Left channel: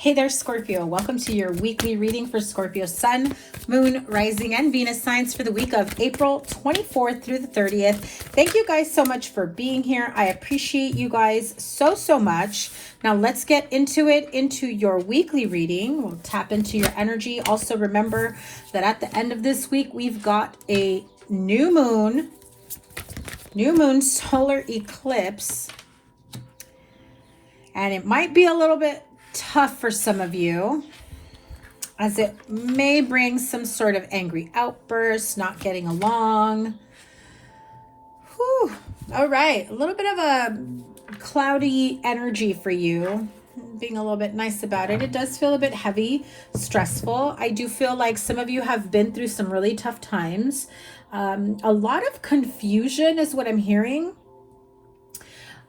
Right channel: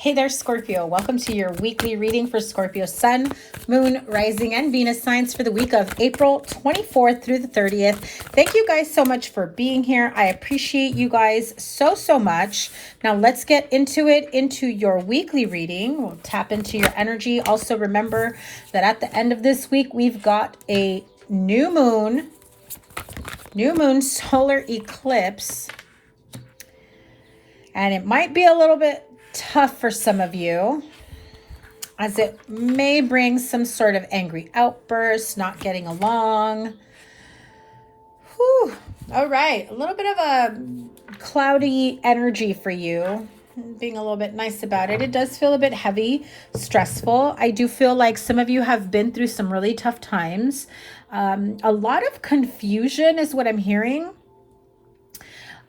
Hey there, Scorpio. Welcome to your weekly reading for Scorpio Sun, Moon, Rising, and Venus signs for the week of April 24th through the 30th. Thank you guys so much for being here. I appreciate you guys so much. Now let's get into it, into your weekly reading. We'll tap into your energy. Also remember that at the end of this week, we've got a new moon solar eclipse. And it might be a little bit tough for some of you, as it may bring some sort of angry outburst, not getting along. Whew. All right, a little bit of a cloudy energy for you. Being a little bit nice about it. It does feel a bit heavy, stressful. I do feel like some of you have been through some really tough times. A lot of confusion is what I'm hearing.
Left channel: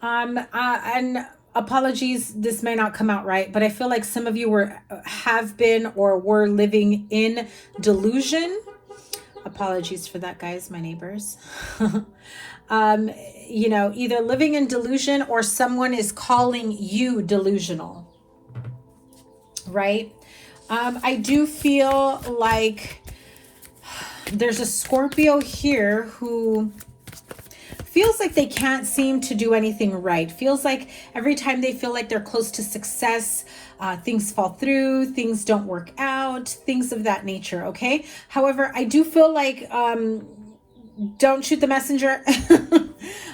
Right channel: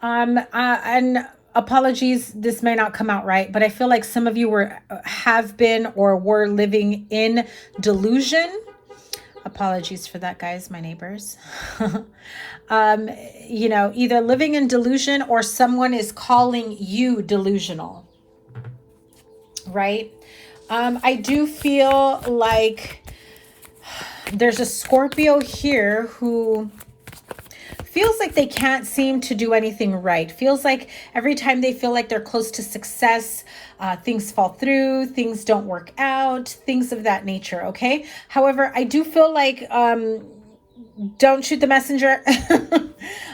And apologies, this may not come out right, but I feel like some of you have been or were living in delusion. Apologies for that, guys, my neighbors. You know, either living in delusion or someone is calling you delusional, right? I do feel like there's a Scorpio here who feels like they can't seem to do anything right. Feels like every time they feel like they're close to success, things fall through, things don't work out, things of that nature, okay? However, I do feel like, don't shoot the messenger.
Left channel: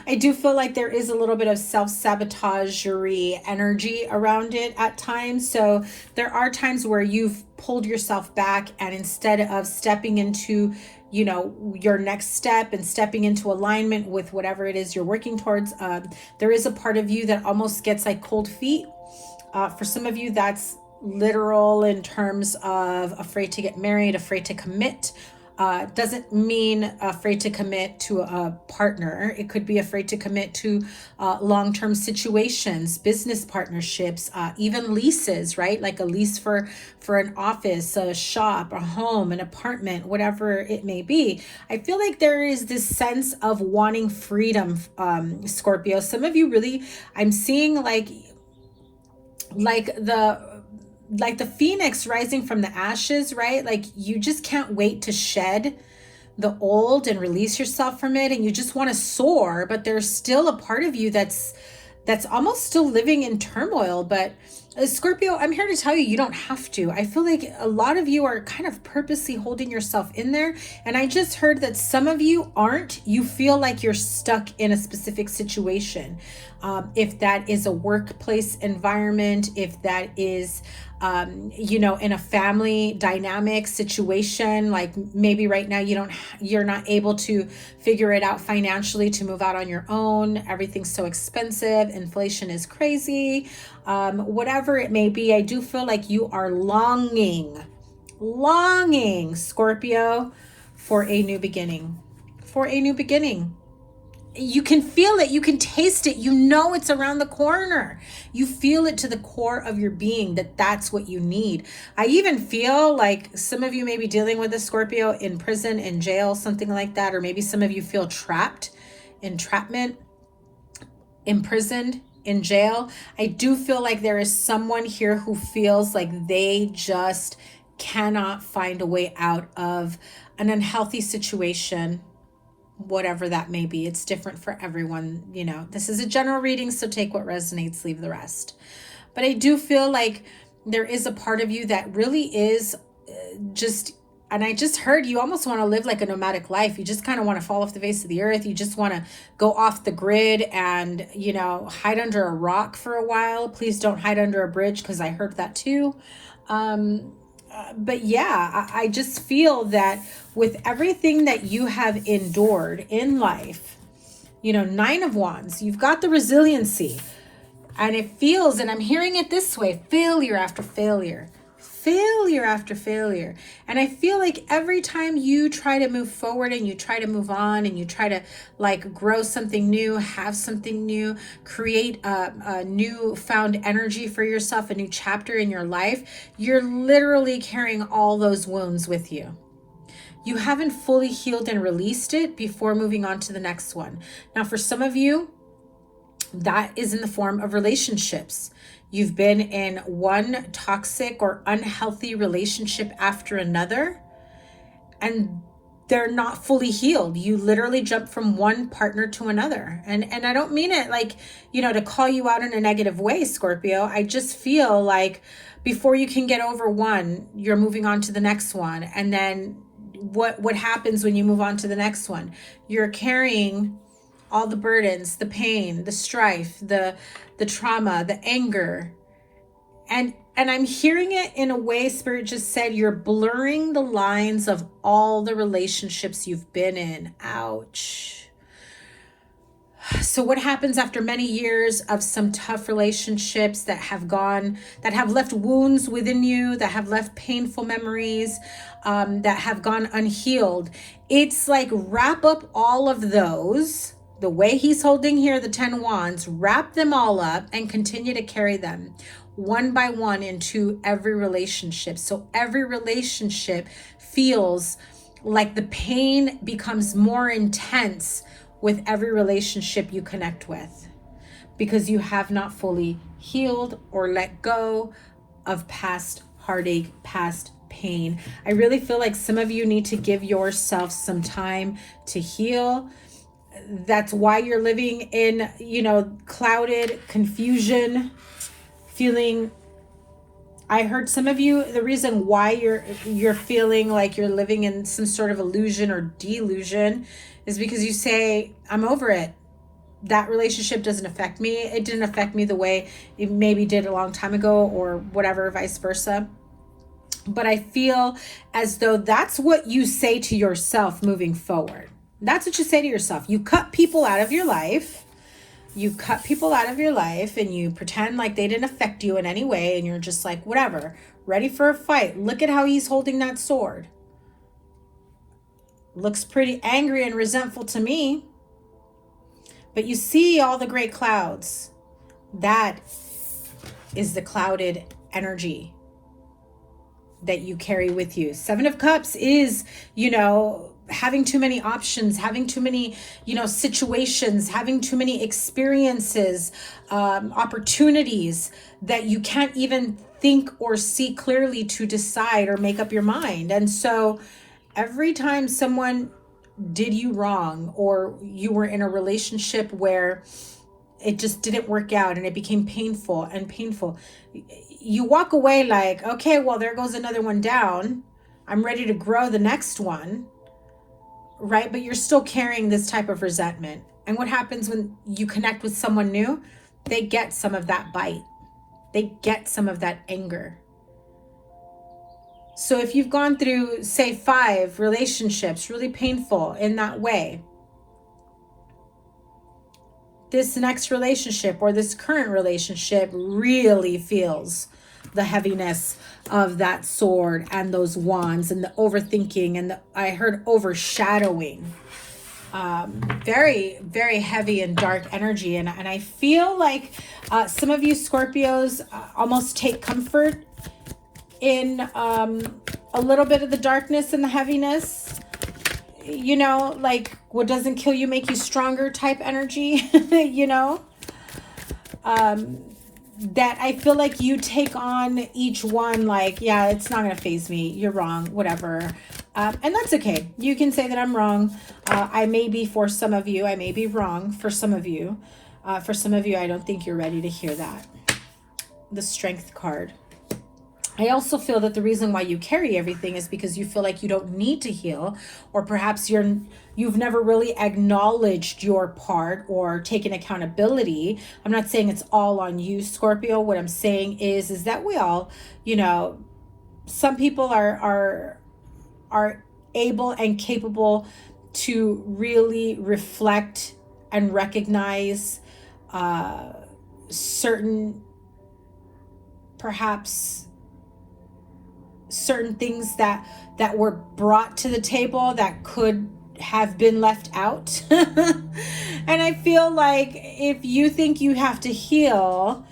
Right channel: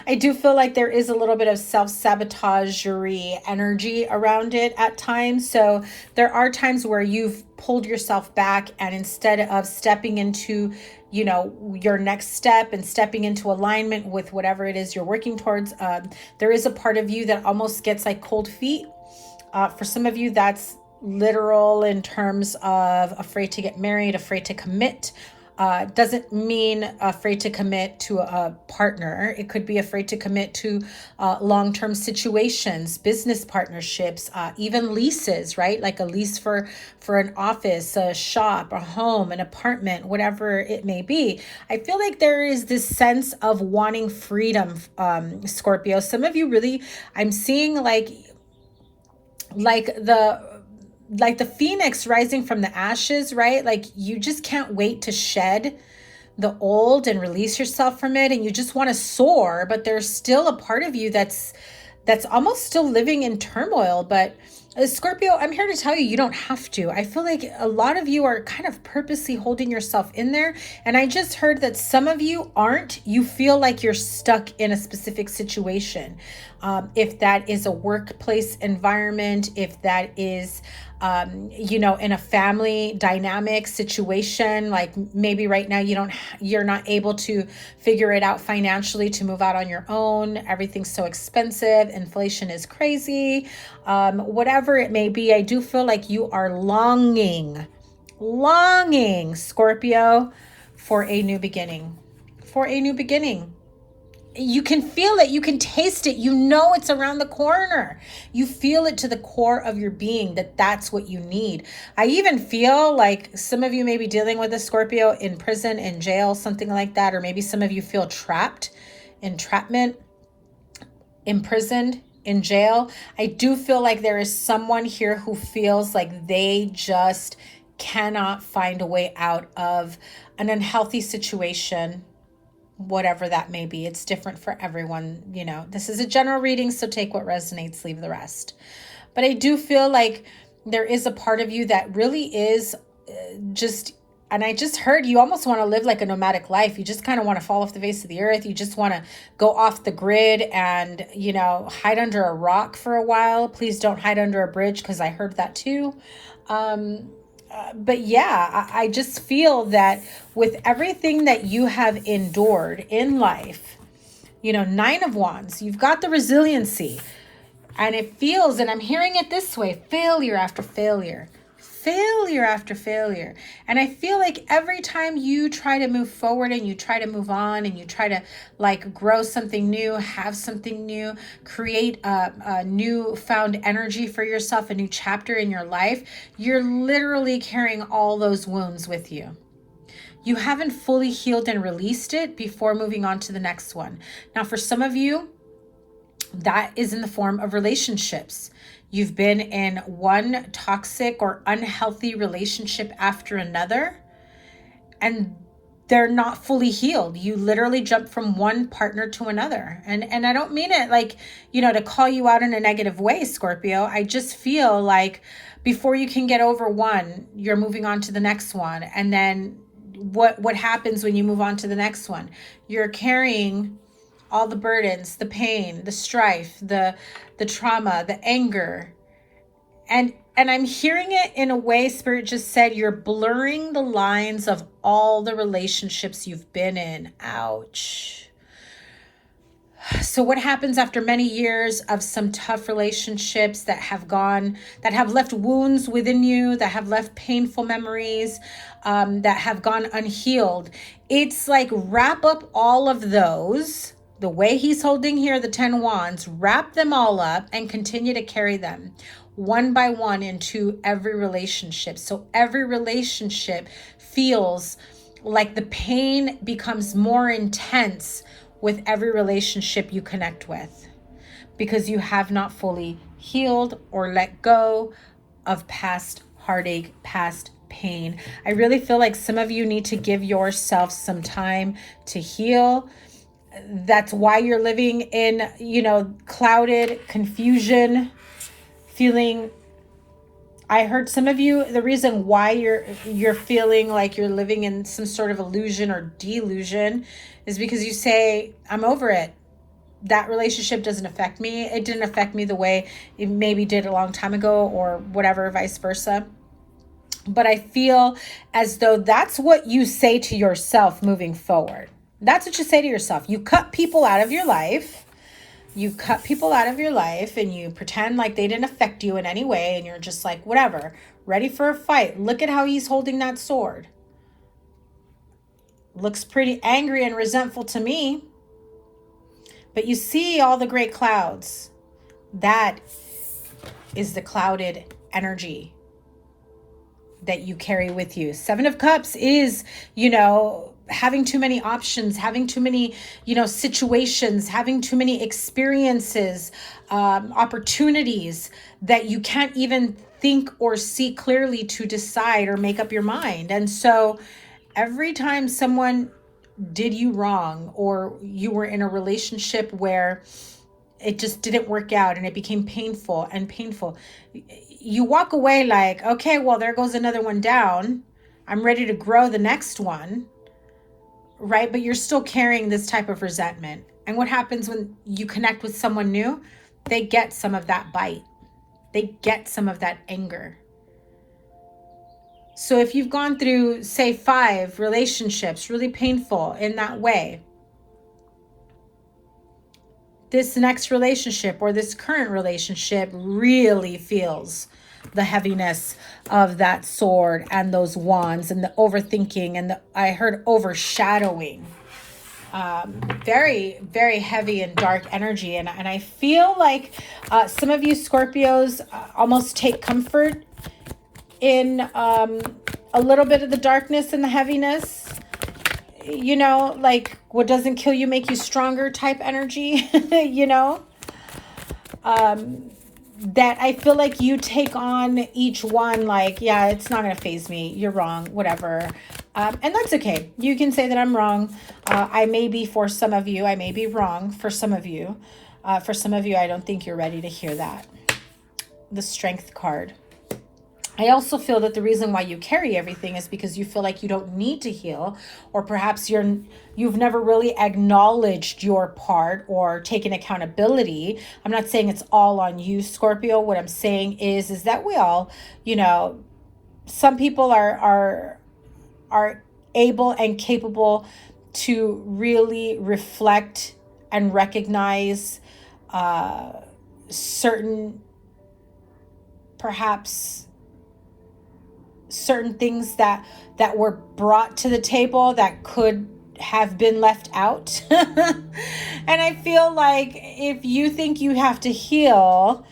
I do feel like there is a little bit of self-sabotagery energy around it at times. So there are times where you've pulled yourself back, and instead of stepping into your next step and stepping into alignment with whatever it is you're working towards, there is a part of you that almost gets like cold feet. For some of you, that's literal in terms of afraid to get married, afraid to commit. Doesn't mean afraid to commit to a partner. It could be afraid to commit to long-term situations, business partnerships, even leases, right? Like a lease for an office, a shop, a home, an apartment, whatever it may be. I feel like there is this sense of wanting freedom, Scorpio. Some of you really, I'm seeing like the phoenix rising from the ashes, right? Like you just can't wait to shed the old and release yourself from it, and you just want to soar, but there's still a part of you that's almost still living in turmoil. But Scorpio, I'm here to tell you, you don't have to. I feel like a lot of you are kind of purposely holding yourself in there. And I just heard that some of you aren't. You feel like you're stuck in a specific situation. If that is a workplace environment, if that is, in a family dynamic situation, like maybe right now you're not able to figure it out financially to move out on your own. Everything's so expensive. Inflation is crazy. Whatever it may be, I do feel like you are longing, Scorpio, for a new beginning, You can feel it. You can taste it. You know it's around the corner. You feel it to the core of your being that that's what you need. I even feel like some of you may be dealing with a Scorpio in prison, in jail, something like that. Or maybe some of you feel entrapment, imprisoned, in jail. I do feel like there is someone here who feels like they just cannot find a way out of an unhealthy situation, whatever that may be. It's different for everyone. This is a general reading, so take what resonates, leave the rest. But I do feel like there is a part of you that really is and I just heard you almost want to live like a nomadic life. You just kind of want to fall off the face of the earth. You just want to go off the grid and, hide under a rock for a while. Please don't hide under a bridge, because I heard that too. But yeah, I just feel that with everything that you have endured in life, Nine of Wands, you've got the resiliency, and it feels, and I'm hearing it this way, failure after failure. And I feel like every time you try to move forward and you try to move on and you try to like grow something new, have something new, create a new found energy for yourself, a new chapter in your life, you're literally carrying all those wounds with you. You haven't fully healed and released it before moving on to the next one. Now, for some of you, that is in the form of relationships. You've been in one toxic or unhealthy relationship after another, and they're not fully healed. You literally jump from one partner to another. And I don't mean it like, to call you out in a negative way, Scorpio. I just feel like before you can get over one, you're moving on to the next one. And then what happens when you move on to the next one? You're carrying all the burdens, the pain, the strife, the trauma, the anger. And I'm hearing it in a way, Spirit just said, you're blurring the lines of all the relationships you've been in. Ouch. So what happens after many years of some tough relationships that have left wounds within you, that have left painful memories, that have gone unhealed? It's like wrap up all of those. The way he's holding here, the 10 wands, wrap them all up and continue to carry them one by one into every relationship. So every relationship feels like the pain becomes more intense with every relationship you connect with, because you have not fully healed or let go of past heartache, past pain. I really feel like some of you need to give yourself some time to heal. That's why you're living in, clouded confusion, feeling. I heard some of you, the reason why you're feeling like you're living in some sort of illusion or delusion is because you say, I'm over it. That relationship doesn't affect me. It didn't affect me the way it maybe did a long time ago, or whatever, vice versa. But I feel as though that's what you say to yourself moving forward. That's what you say to yourself. You cut people out of your life. You cut people out of your life and you pretend like they didn't affect you in any way. And you're just like, whatever, ready for a fight. Look at how he's holding that sword. Looks pretty angry and resentful to me. But you see all the great clouds. That is the clouded energy that you carry with you. 7 of Cups is, having too many options, having too many, situations, having too many experiences, opportunities that you can't even think or see clearly to decide or make up your mind. And so every time someone did you wrong, or you were in a relationship where it just didn't work out and it became painful, you walk away like, okay, well, there goes another one down. I'm ready to grow the next one. Right? But you're still carrying this type of resentment. And what happens when you connect with someone new? They get some of that bite. They get some of that anger. So if you've gone through, say, 5 relationships, really painful in that way, this next relationship or this current relationship really feels the heaviness of that sword and those wands and the overthinking and I heard overshadowing. Very, very heavy and dark energy. And I feel like some of you Scorpios almost take comfort in a little bit of the darkness and the heaviness. Like what doesn't kill you make you stronger type energy, that I feel like you take on each one like, yeah, it's not going to faze me. You're wrong, whatever. And that's okay. You can say that I'm wrong. I may be for some of you. I may be wrong for some of you. For some of you, I don't think you're ready to hear that. The Strength card. I also feel that the reason why you carry everything is because you feel like you don't need to heal, or perhaps you've never really acknowledged your part or taken accountability. I'm not saying it's all on you, Scorpio. What I'm saying is that we all, some people are able and capable to really reflect and recognize certain things that were brought to the table that could have been left out. And I feel like if you think you have to heal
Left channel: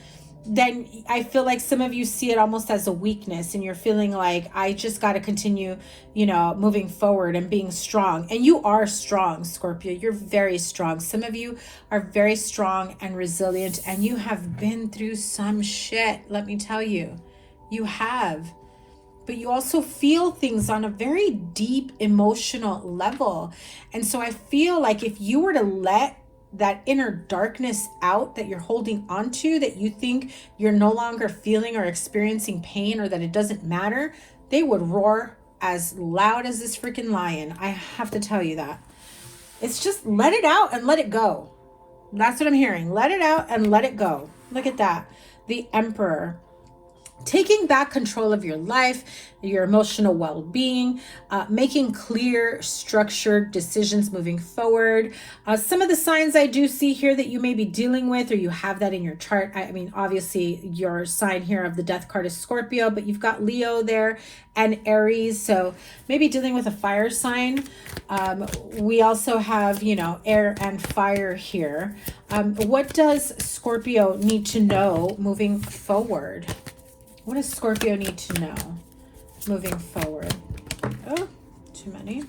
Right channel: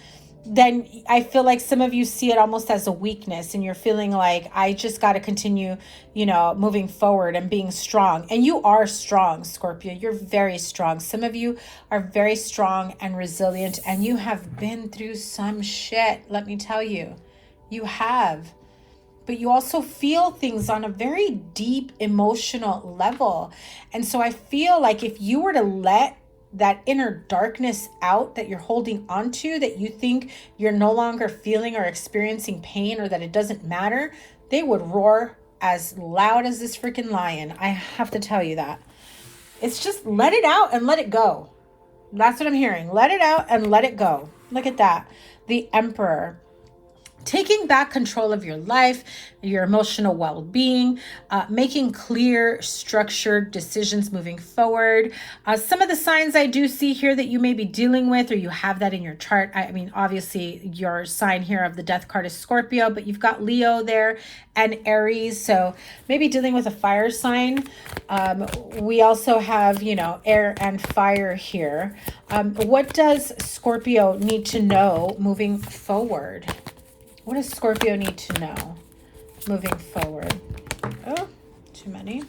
then I feel like some of you see it almost as a weakness, and you're feeling like, I just got to continue, you know, moving forward and being strong. And you are strong, Scorpio. You're very strong. Some of you are very strong and resilient, and you have been through some shit, let me tell you. You have. But you also feel things on a very deep emotional level. And so I feel like if you were to let that inner darkness out that you're holding onto, that you think you're no longer feeling or experiencing pain, or that it doesn't matter, they would roar as loud as this freaking lion. I have to tell you that. It's just let it out and let it go. That's what I'm hearing. Let it out and let it go. Look at that. The Emperor. Taking back control of your life, your emotional well-being, making clear, structured decisions moving forward. Some of the signs I do see here that you may be dealing with, or you have that in your chart. I mean, obviously your sign here of the death card is Scorpio, but you've got Leo there and Aries. So maybe dealing with a fire sign. We also have, you know, air and fire here. What does Scorpio need to know moving forward? What does Scorpio need to know moving forward? Oh, too many.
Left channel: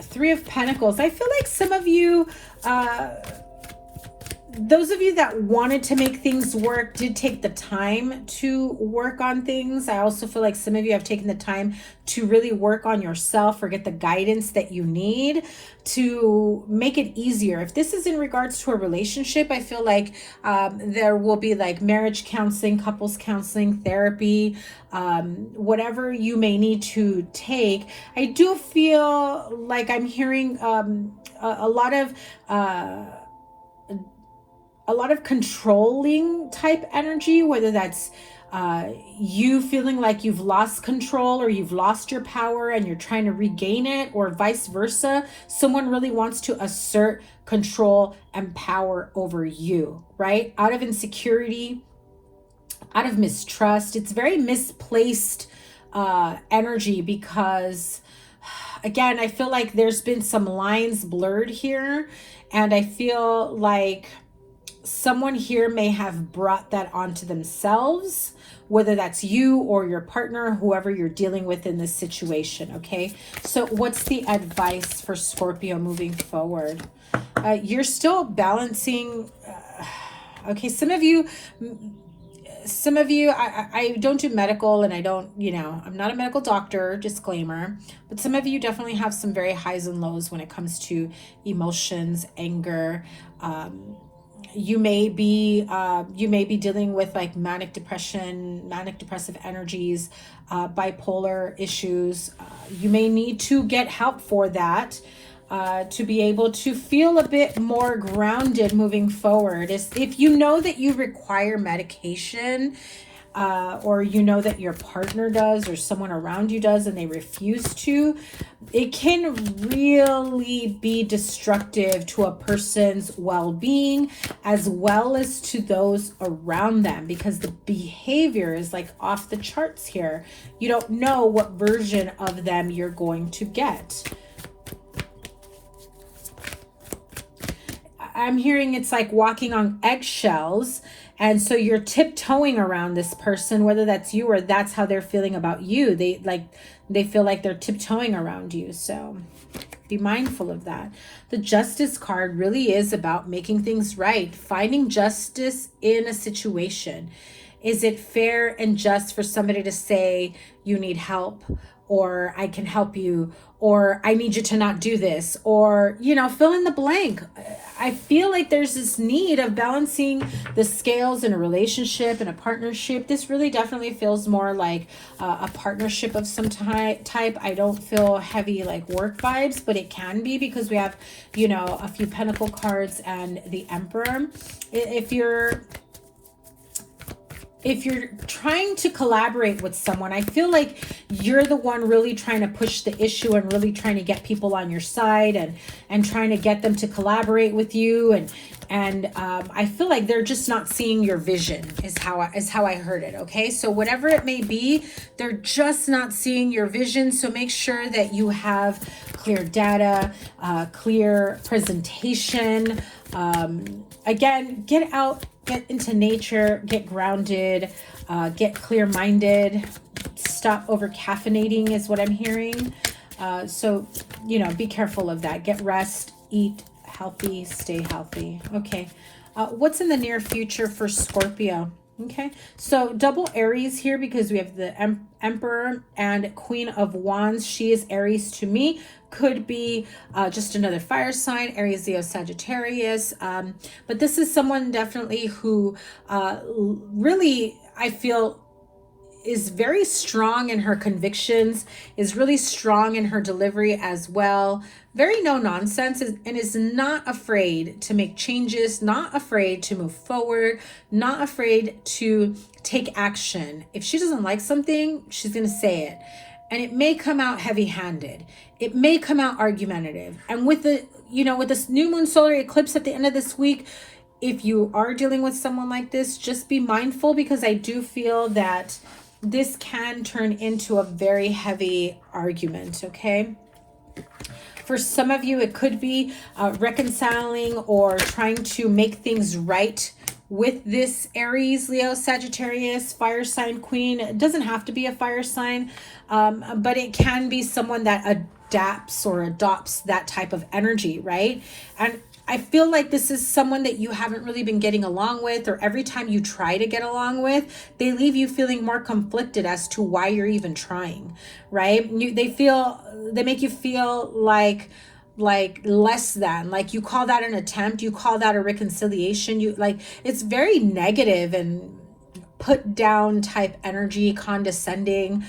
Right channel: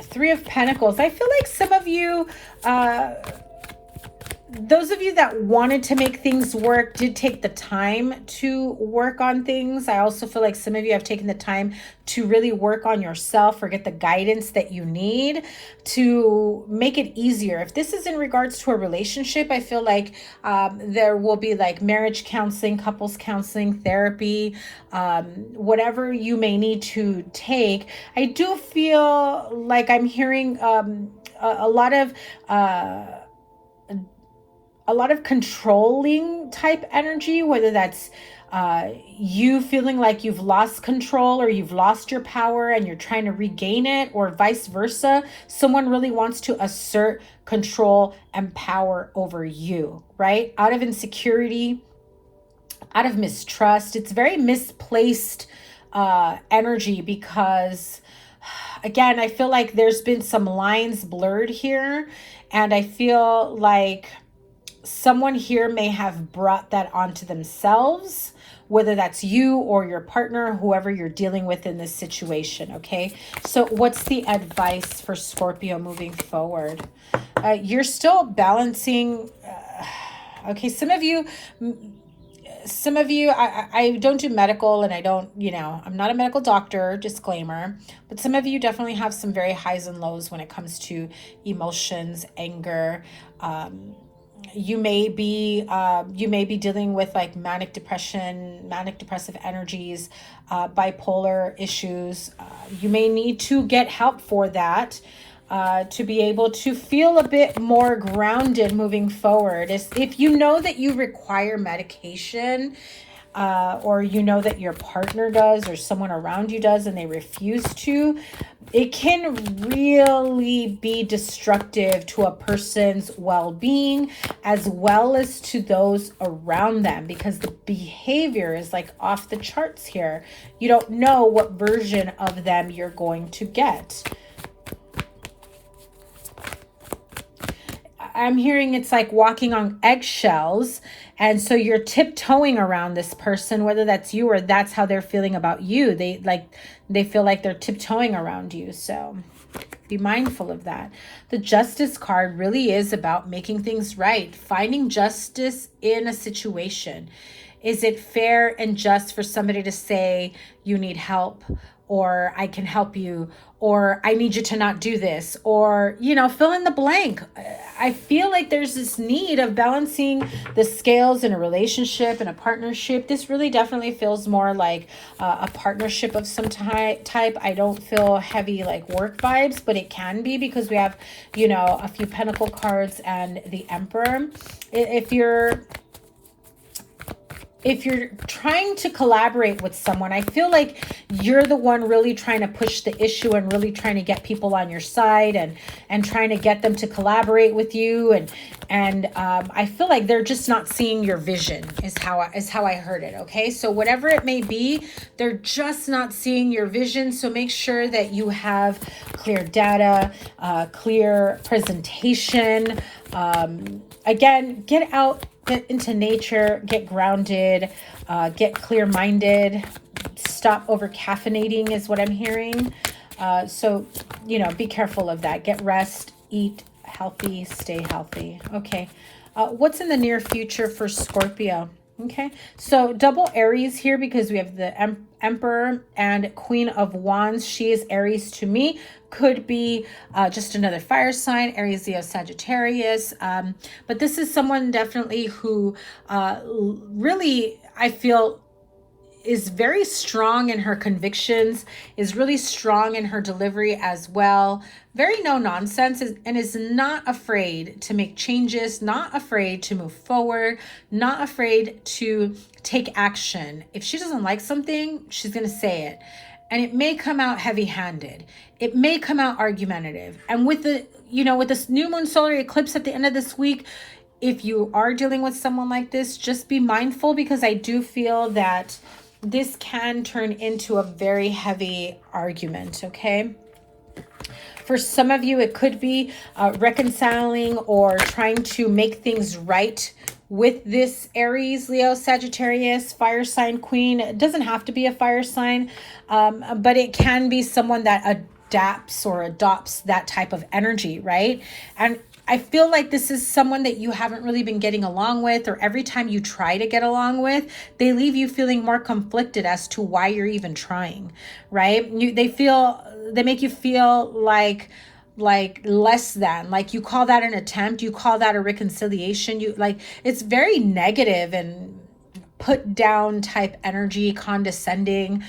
Three of Pentacles. I feel like some of you, those of you that wanted to make things work did take the time to work on things. I also feel like some of you have taken the time to really work on yourself or get the guidance that you need to make it easier. If this is in regards to a relationship, I feel like there will be like marriage counseling, couples counseling, therapy, whatever you may need to take. I do feel like I'm hearing a lot of controlling type energy, whether that's you feeling like you've lost control or you've lost your power and you're trying to regain it, or vice versa. Someone really wants to assert control and power over you, right? Out of insecurity, out of mistrust. It's very misplaced energy because, again, I feel like there's been some lines blurred here, and I feel like someone here may have brought that onto themselves, whether that's you or your partner, whoever you're dealing with in this situation, okay? So what's the advice for Scorpio moving forward? You're still balancing, okay, some of you, I don't do medical, and I don't, you know, I'm not a medical doctor, disclaimer, but some of you definitely have some very highs and lows when it comes to emotions, anger. You may be dealing with like manic depression, manic depressive energies, bipolar issues. You may need to get help for that to be able to feel a bit more grounded moving forward. If you know that you require medication, or you know that your partner does or someone around you does and they refuse to, it can really be destructive to a person's well-being as well as to those around them, because the behavior is like off the charts here. You don't know what version of them you're going to get. I'm hearing it's like walking on eggshells, and so you're tiptoeing around this person, whether that's you or that's how they're feeling about you. They feel like they're tiptoeing around you, so be mindful of that. The Justice card really is about making things right, finding justice in a situation. Is it fair and just for somebody to say you need help, or I can help you, or I need you to not do this, or, you know, fill in the blank. I feel like there's this need of balancing the scales in a relationship and a partnership. This really definitely feels more like a partnership of some type. I don't feel heavy like work vibes, but it can be because we have, you know, a few Pentacle cards and the Emperor. If you're trying to collaborate with someone, I feel like you're the one really trying to push the issue and really trying to get people on your side and trying to get them to collaborate with you. And I feel like they're just not seeing your vision is how I heard it. Okay. So whatever it may be, they're just not seeing your vision. So make sure that you have clear data, clear presentation, again, get out, get into nature, get grounded, get clear-minded, stop over caffeinating is what I'm hearing. So, you know, be careful of that. Get rest, eat healthy, stay healthy. Okay. What's in the near future for Scorpio? Okay, so double Aries here because we have the Emperor and Queen of Wands. She is Aries to me. Could be just another fire sign, Aries, Leo, Sagittarius. But this is someone definitely who really, I feel, is very strong in her convictions, is really strong in her delivery as well. Very no nonsense, and is not afraid to make changes, not afraid to move forward, not afraid to take action. If she doesn't like something, she's going to say it. And it may come out heavy-handed. It may come out argumentative. And with the, you know, with this new moon solar eclipse at the end of this week, if you are dealing with someone like this, just be mindful, because I do feel that this can turn into a very heavy argument, okay? For some of you, it could be reconciling or trying to make things right with this Aries, Leo, Sagittarius, fire sign queen. It doesn't have to be a fire sign, but it can be someone that adapts or adopts that type of energy, right? And I feel like this is someone that you haven't really been getting along with, or every time you try to get along with, they leave you feeling more conflicted as to why you're even trying, right? They make you feel like less than, like you call that an attempt, you call that a reconciliation, you like, it's very negative and put down type energy, condescending.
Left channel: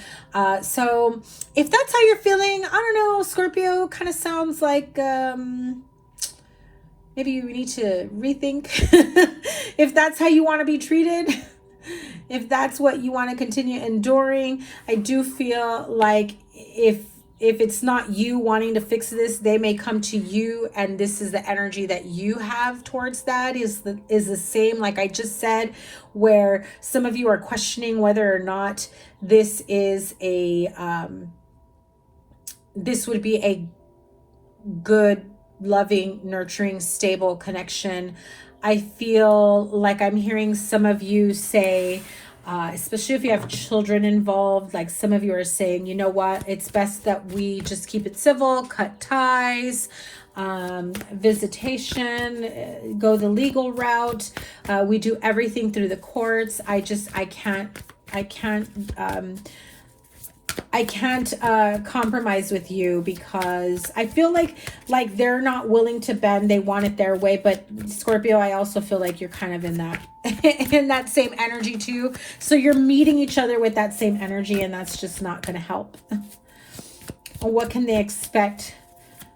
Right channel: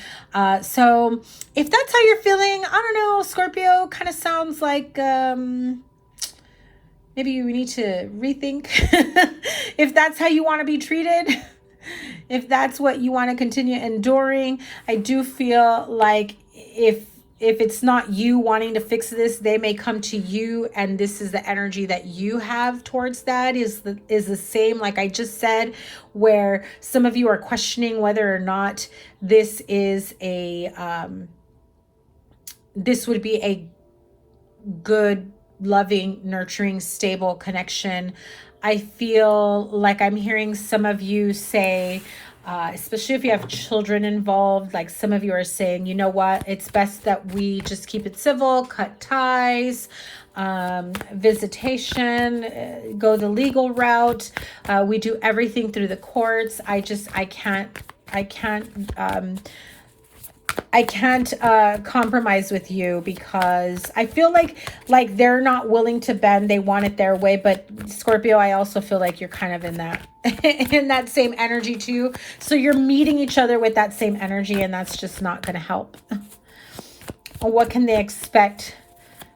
So if that's how you're feeling, I don't know, Scorpio, kind of sounds like maybe you need to rethink if that's how you want to be treated, if that's what you want to continue enduring. I do feel like if it's not you wanting to fix this, they may come to you, and this is the energy that you have towards that is the same, like I just said, where some of you are questioning whether or not this is this would be a good, loving, nurturing, stable connection. I feel like I'm hearing some of you say, especially if you have children involved, like some of you are saying, you know what, it's best that we just keep it civil, cut ties, visitation, go the legal route. We do everything through the courts. I can't compromise with you, because I feel like they're not willing to bend. They want it their way. But Scorpio, I also feel like you're kind of in that in that same energy too. So you're meeting each other with that same energy, and that's just not going to help. What can they expect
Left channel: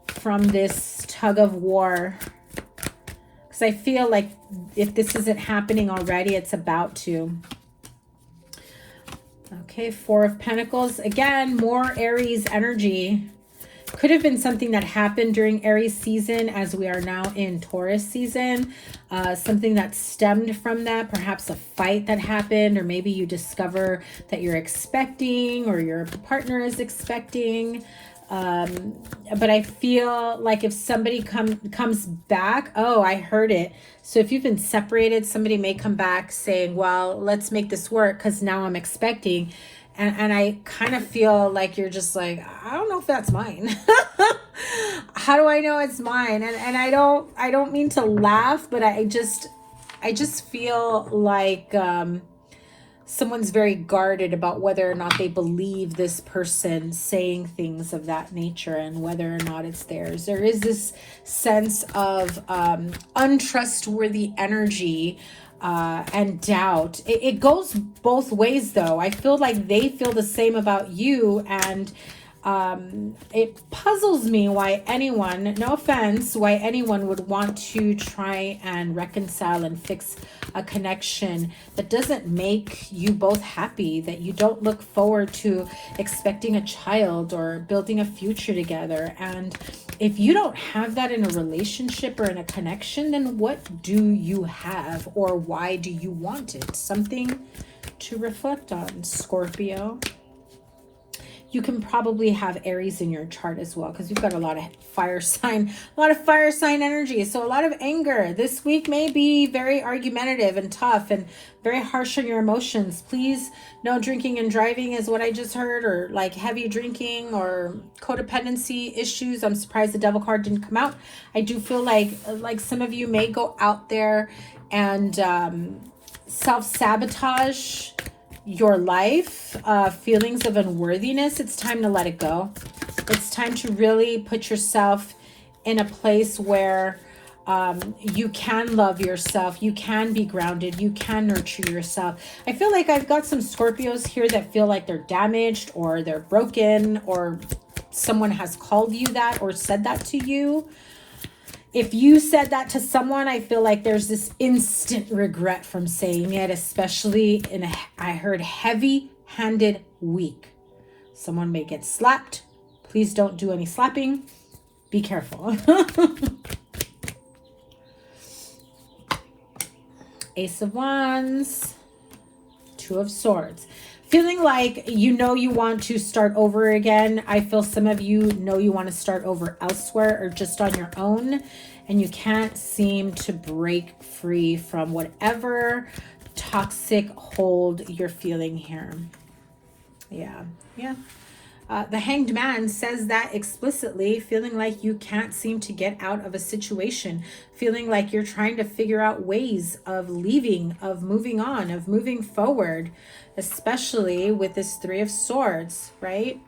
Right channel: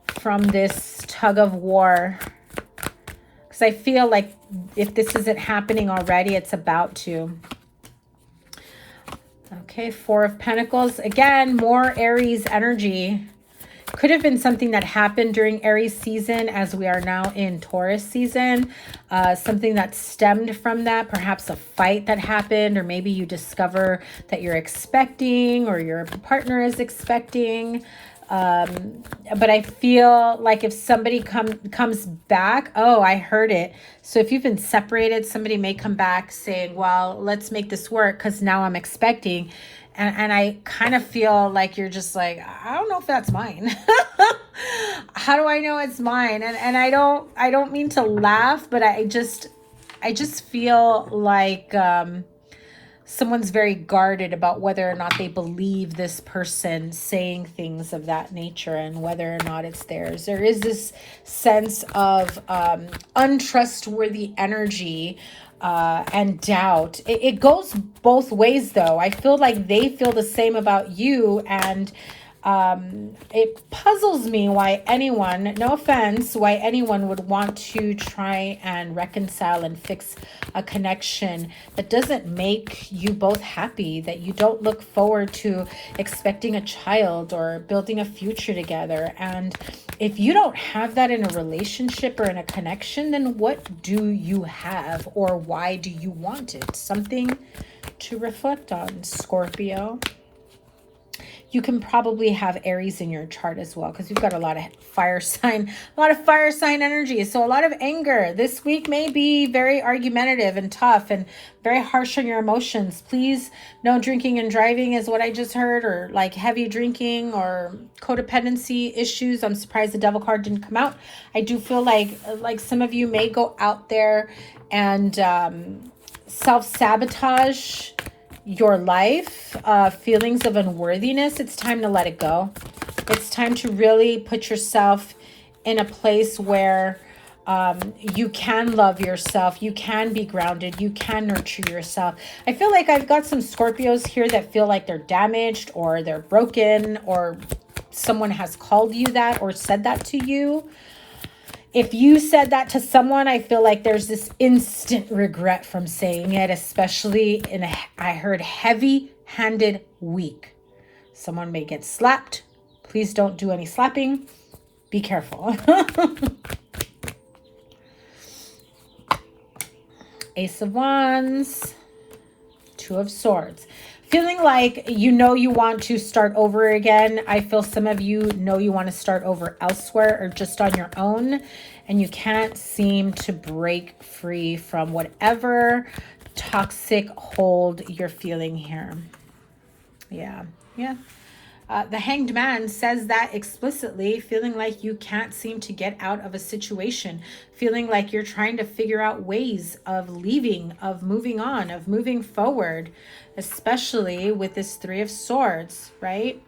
from this tug of war? Because I feel like if this isn't happening already, it's about to. Okay, Four of Pentacles. Again, more Aries energy. Could have been something that happened during Aries season, as we are now in Taurus season. Something that stemmed from that, perhaps a fight that happened, or maybe you discover that you're expecting, or your partner is expecting. But I feel like if somebody comes back, oh, I heard it. So if you've been separated, somebody may come back saying, well, let's make this work because now I'm expecting. And I kind of feel like you're just like, I don't know if that's mine. How do I know it's mine? And I don't mean to laugh, but I just feel like someone's very guarded about whether or not they believe this person saying things of that nature and whether or not it's theirs. There is this sense of untrustworthy energy and doubt. It goes both ways, though. I feel like they feel the same about you, and it puzzles me why anyone, no offense, why anyone would want to try and reconcile and fix a connection that doesn't make you both happy, that you don't look forward to expecting a child or building a future together. And if you don't have that in a relationship or in a connection, then what do you have, or why do you want it? Something to reflect on, Scorpio. you can probably have Aries in your chart as well, because we've got a lot of fire sign energy. So a lot of anger. This week may be very argumentative and tough and very harsh on your emotions. Please, no drinking and driving is what I just heard, or like heavy drinking or codependency issues. I'm surprised the devil card didn't come out. I do feel like some of you may go out there and self-sabotage your life, feelings of unworthiness. It's time to let it go. It's time to really put yourself in a place where you can love yourself, you can be grounded, you can nurture yourself. I feel like I've got some Scorpios here that feel like they're damaged or they're broken, or someone has called you that or said that to you. If you said that to someone, I feel like there's this instant regret from saying it, especially in I heard heavy-handed week. Someone may get slapped. Please don't do any slapping. Be careful. Ace of Wands, Two of Swords. Feeling like you want to start over again. I feel some of you know you want to start over elsewhere or just on your own, and you can't seem to break free from whatever toxic hold you're feeling here. Yeah. The Hanged Man says that explicitly, feeling like you can't seem to get out of a situation, feeling like you're trying to figure out ways of leaving, of moving on, of moving forward, especially with this Three of Swords, right?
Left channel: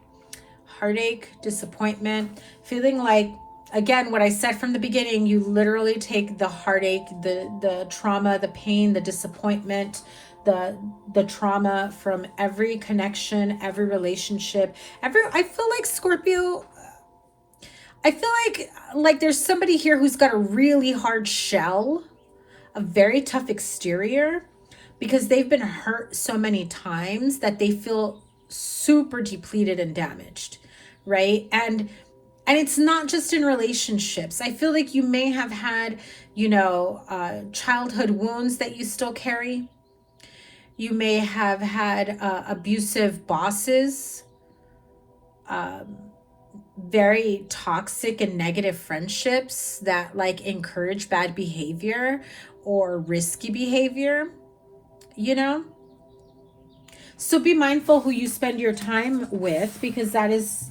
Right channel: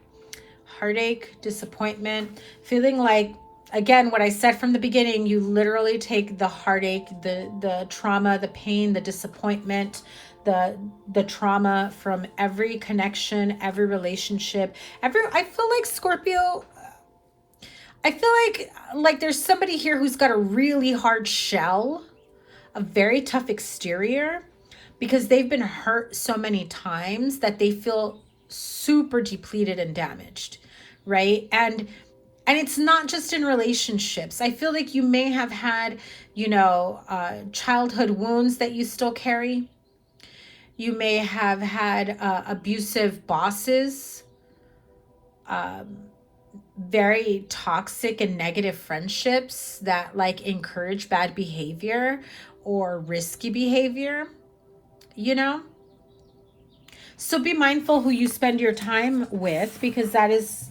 Heartache, disappointment, feeling like, again, what I said from the beginning, you literally take the heartache, the trauma, the pain, the disappointment, the trauma from every connection, every relationship, I feel like Scorpio, I feel like there's somebody here who's got a really hard shell, a very tough exterior, because they've been hurt so many times that they feel super depleted and damaged, right? And it's not just in relationships. I feel like you may have had, childhood wounds that you still carry. You may have had abusive bosses, very toxic and negative friendships that encourage bad behavior or risky behavior, So be mindful who you spend your time with, because that is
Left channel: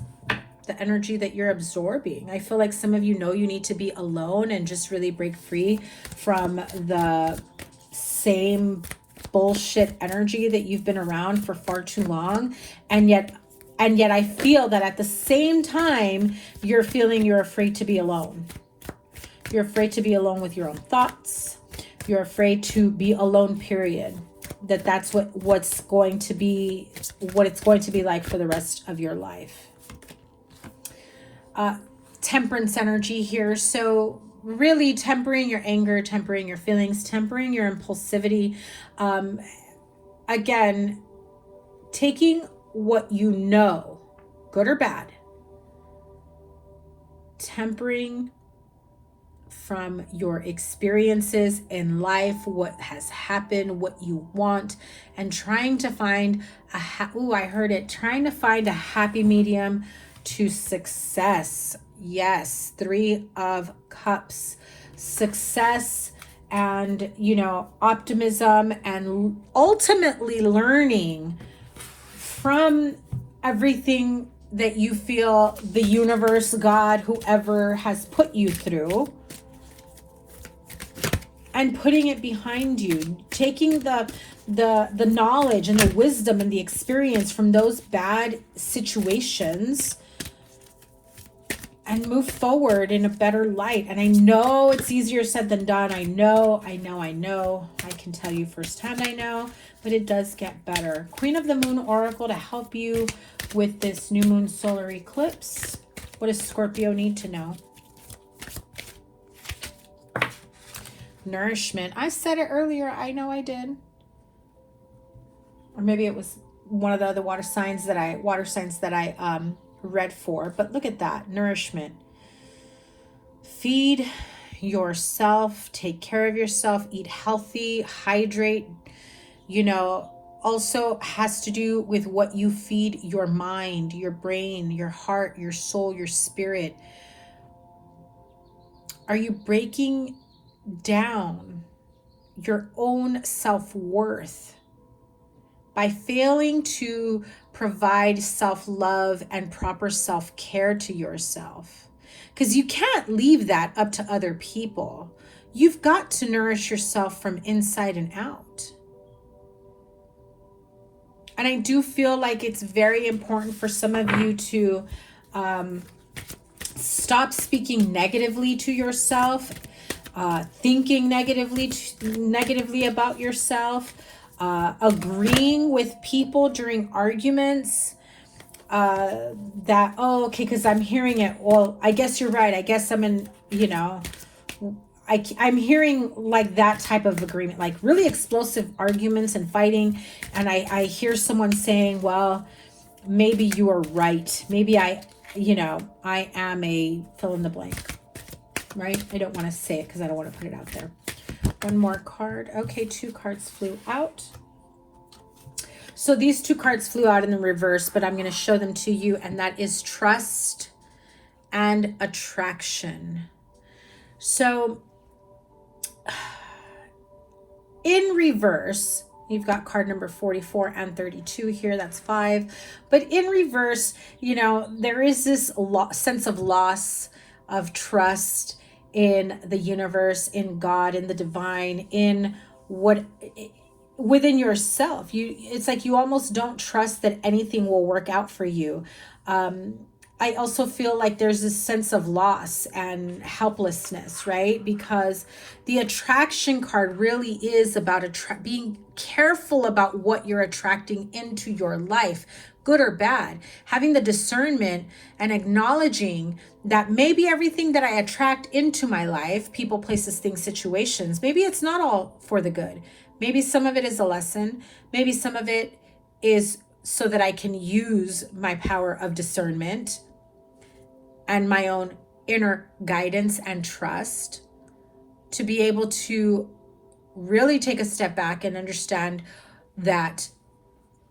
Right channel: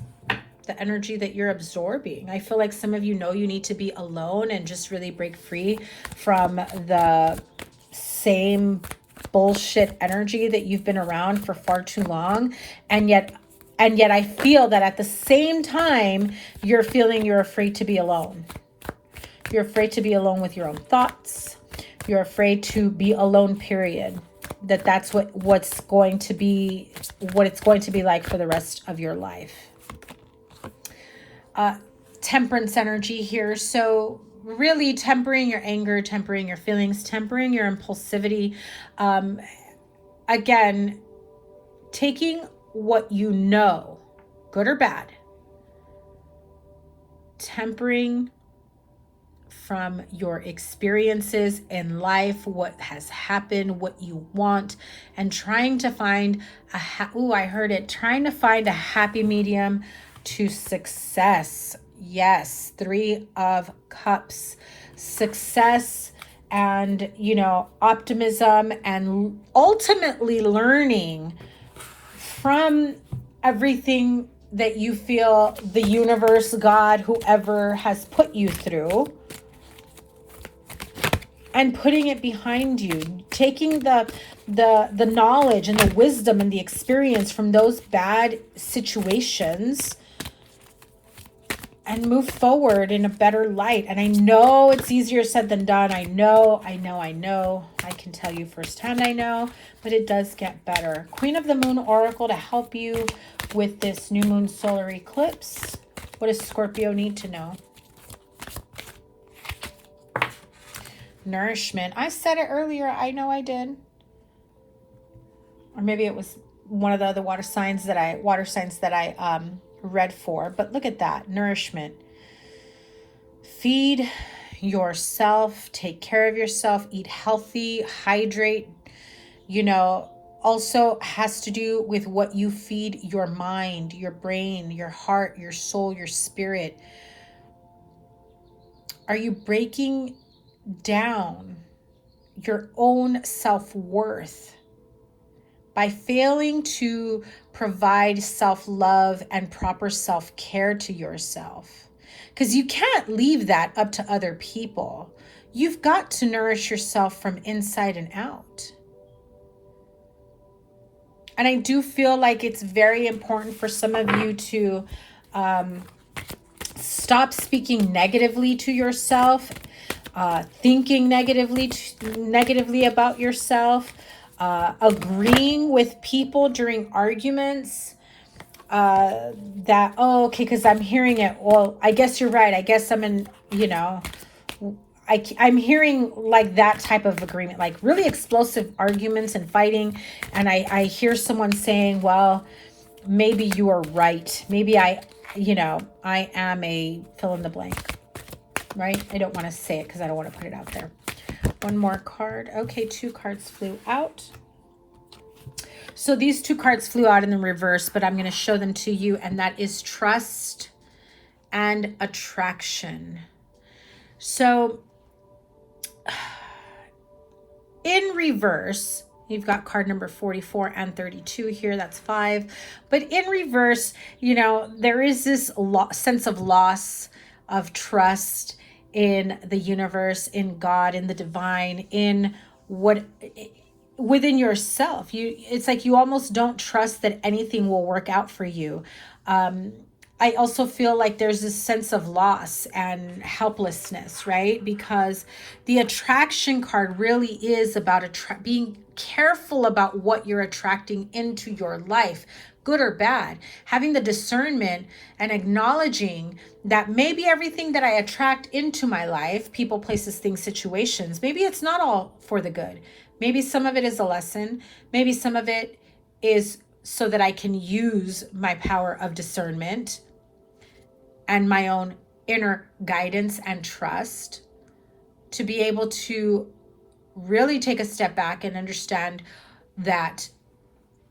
the energy that you're absorbing. I feel like some of you need to be alone and just really break free from the same bullshit energy that you've been around for far too long. And yet I feel that at the same time, you're feeling you're afraid to be alone. You're afraid to be alone with your own thoughts. You're afraid to be alone, period. That's what it's going to be like for the rest of your life. Temperance energy here. So really tempering your anger, tempering your feelings, tempering your impulsivity. Again, taking what you know, good or bad, tempering from your experiences in life, what has happened, what you want, and trying to find trying to find a happy medium to success. Yes, Three of Cups, success and, optimism, and ultimately learning from everything that you feel the universe, God, whoever has put you through, and putting it behind you, taking the knowledge and the wisdom and the experience from those bad situations and move forward in a better light. And I know it's easier said than done. I know. I can tell you firsthand, I know, but it does get better. Queen of the Moon Oracle to help you with this new moon solar eclipse. What does Scorpio need to know? Nourishment. I said it earlier. I know I did. Or maybe it was one of the other water signs that I read for, but look at that. Nourishment. Feed yourself, take care of yourself, eat healthy, hydrate, also has to do with what you feed your mind, your brain, your heart, your soul, your spirit. Are you breaking down your own self-worth by failing to provide self-love and proper self-care to yourself? Because you can't leave that up to other people. You've got to nourish yourself from inside and out. And I do feel like it's very important for some of you to stop speaking negatively to yourself, thinking negatively about yourself, agreeing with people during arguments, that, oh, okay, because I'm hearing it. Well, I guess you're right. I guess I'm in, you know, I'm hearing like that type of agreement, like really explosive arguments and fighting. And I hear someone saying, well, maybe you are right. Maybe I am a fill in the blank, right? I don't want to say it because I don't want to put it out there. One more card. Okay, 2 cards flew out. So these 2 cards flew out in the reverse, but I'm going to show them to you. And that is trust and attraction. So in reverse, you've got card number 44 and 32 here. That's 5. But in reverse, you know, there is this sense of loss of trust in the universe, in God, in the divine, in what within yourself. It's like you almost don't trust that anything will work out for you. I also feel like there's this sense of loss and helplessness, right? Because the attraction card really is about being careful about what you're attracting into your life, good or bad. Having the discernment and acknowledging that maybe everything that I attract into my life, people, places, things, situations, maybe it's not all for the good. Maybe some of it is a lesson. Maybe some of it is so that I can use my power of discernment and my own inner guidance and trust to be able to really take a step back and understand that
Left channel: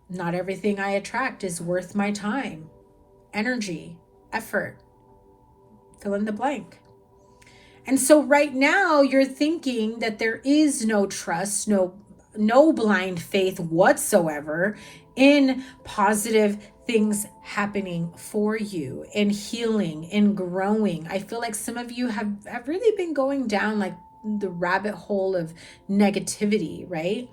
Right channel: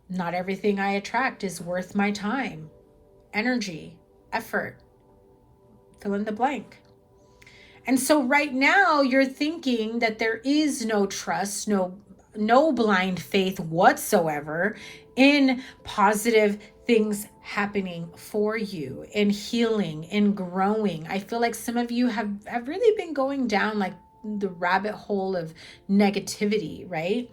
not everything I attract is worth my time, energy, effort, fill in the blank. And so right now you're thinking that there is no trust, no blind faith whatsoever in positive things happening for you, in healing, in growing. I feel like some of you have really been going down like the rabbit hole of negativity, right?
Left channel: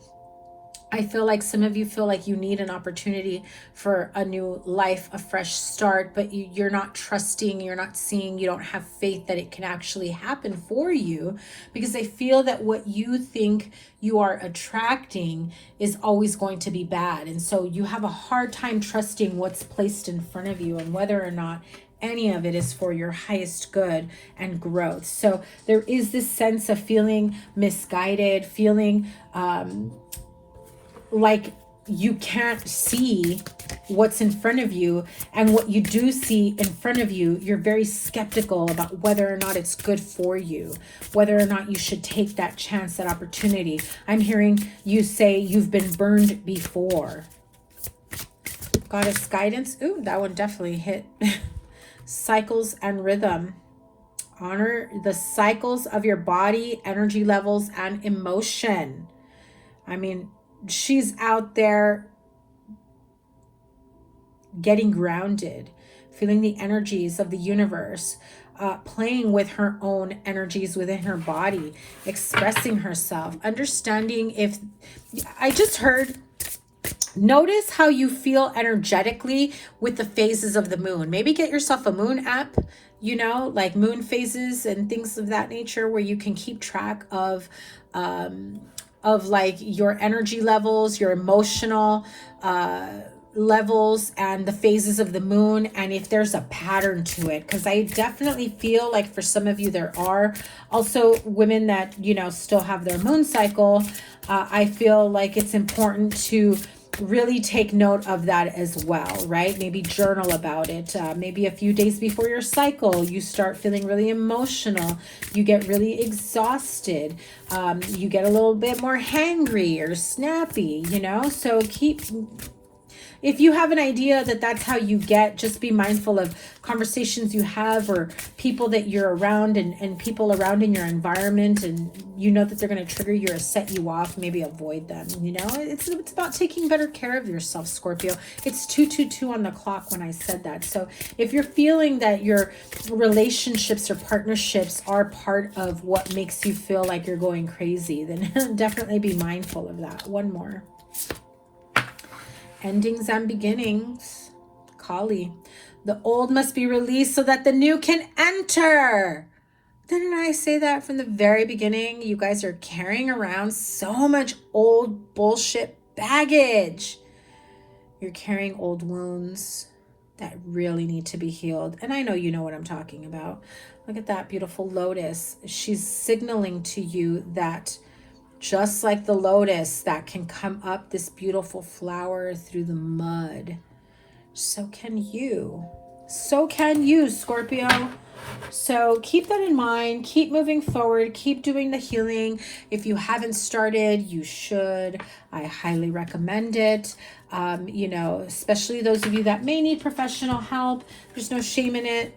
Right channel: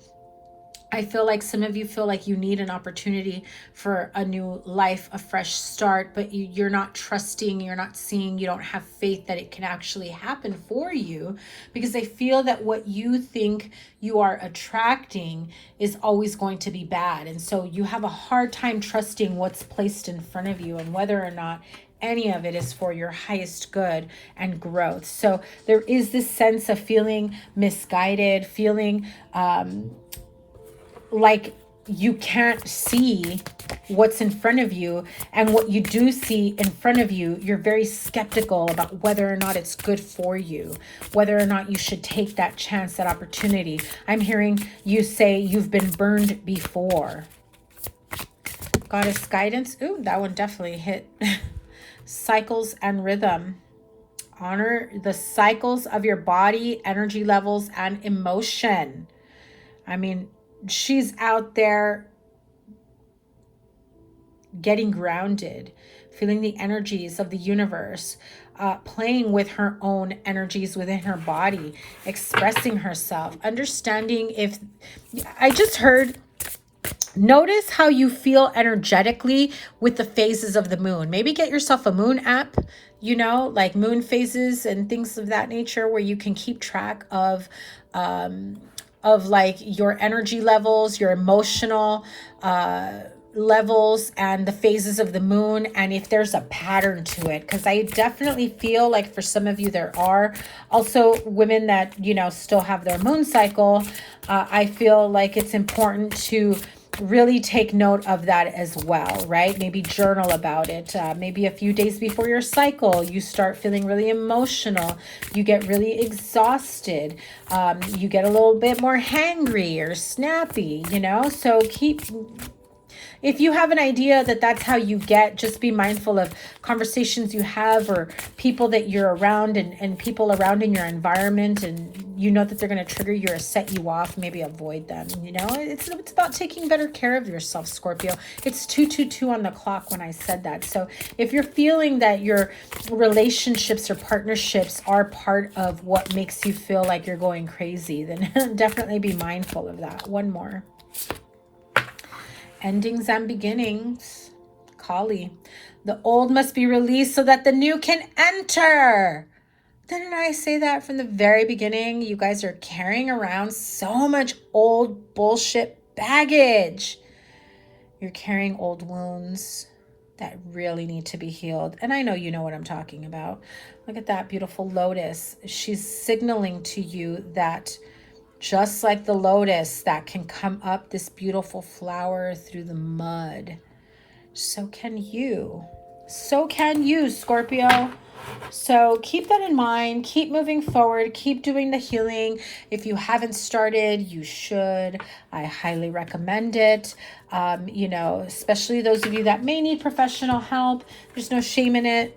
I feel like some of you feel like you need an opportunity for a new life, a fresh start, but you're not trusting, you're not seeing, you don't have faith that it can actually happen for you, because I feel that what you think you are attracting is always going to be bad. And so you have a hard time trusting what's placed in front of you and whether or not any of it is for your highest good and growth. So there is this sense of feeling misguided, feeling like you can't see what's in front of you, and what you do see in front of you, you're very skeptical about whether or not it's good for you, whether or not you should take that chance, that opportunity. I'm hearing you say you've been burned before. Goddess guidance. Ooh, that one definitely hit. Cycles and rhythm. Honor the cycles of your body, energy levels, and emotion. I mean, she's out there getting grounded, feeling the energies of the universe, playing with her own energies within her body, expressing herself, understanding. If I just heard, notice how you feel energetically with the phases of the moon. Maybe get yourself a moon app, you know, like moon phases and things of that nature, where you can keep track of like your energy levels, your emotional levels, and the phases of the moon, and if there's a pattern to it. Because I definitely feel like for some of you there are. Also women that, you know, still have their moon cycle, I feel like it's important to really take note of that as well, right? Maybe journal about it. Maybe a few days before your cycle, you start feeling really emotional. You get really exhausted. You get a little bit more hangry or snappy, you know? So if you have an idea that that's how you get, just be mindful of conversations you have or people that you're around and people around in your environment, and you know that they're going to trigger you or set you off. Maybe avoid them, you know? It's about taking better care of yourself, Scorpio. It's 222 on the clock when I said that. So if you're feeling that your relationships or partnerships are part of what makes you feel like you're going crazy, then definitely be mindful of that. One more. Endings and beginnings. Kali. The old must be released so that the new can enter. Didn't I say that from the very beginning? You guys are carrying around so much old bullshit baggage. You're carrying old wounds that really need to be healed. And I know you know what I'm talking about. Look at that beautiful lotus. She's signaling to you that just like the lotus that can come up this beautiful flower through the mud, so can you. So can you, Scorpio. So keep that in mind. Keep moving forward. Keep doing the healing. If you haven't started, you should. I highly recommend it. You know, especially those of you that may need professional help. There's no shame in it.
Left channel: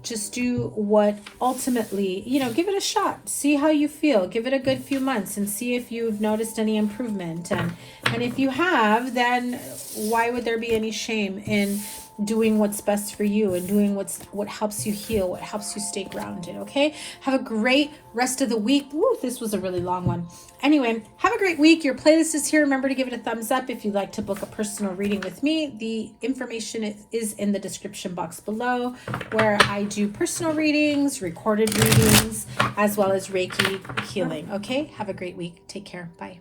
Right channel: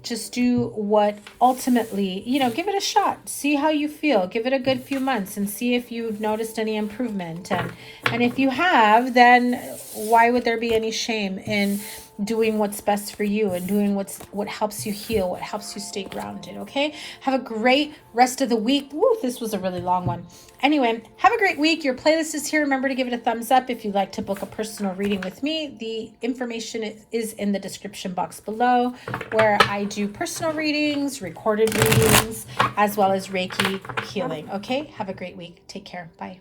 Just do what ultimately, you know, give it a shot. See how you feel. Give it a good few months and see if you've noticed any improvement. And if you have, then why would there be any shame in doing what's best for you and doing what helps you heal, what helps you stay grounded, okay? Have a great rest of the week. Woo, this was a really long one. Anyway, have a great week. Your playlist is here. Remember to give it a thumbs up if you'd like to book a personal reading with me. The information is in the description box below, where I do personal readings, recorded readings, as well as Reiki healing, okay? Have a great week. Take care. Bye.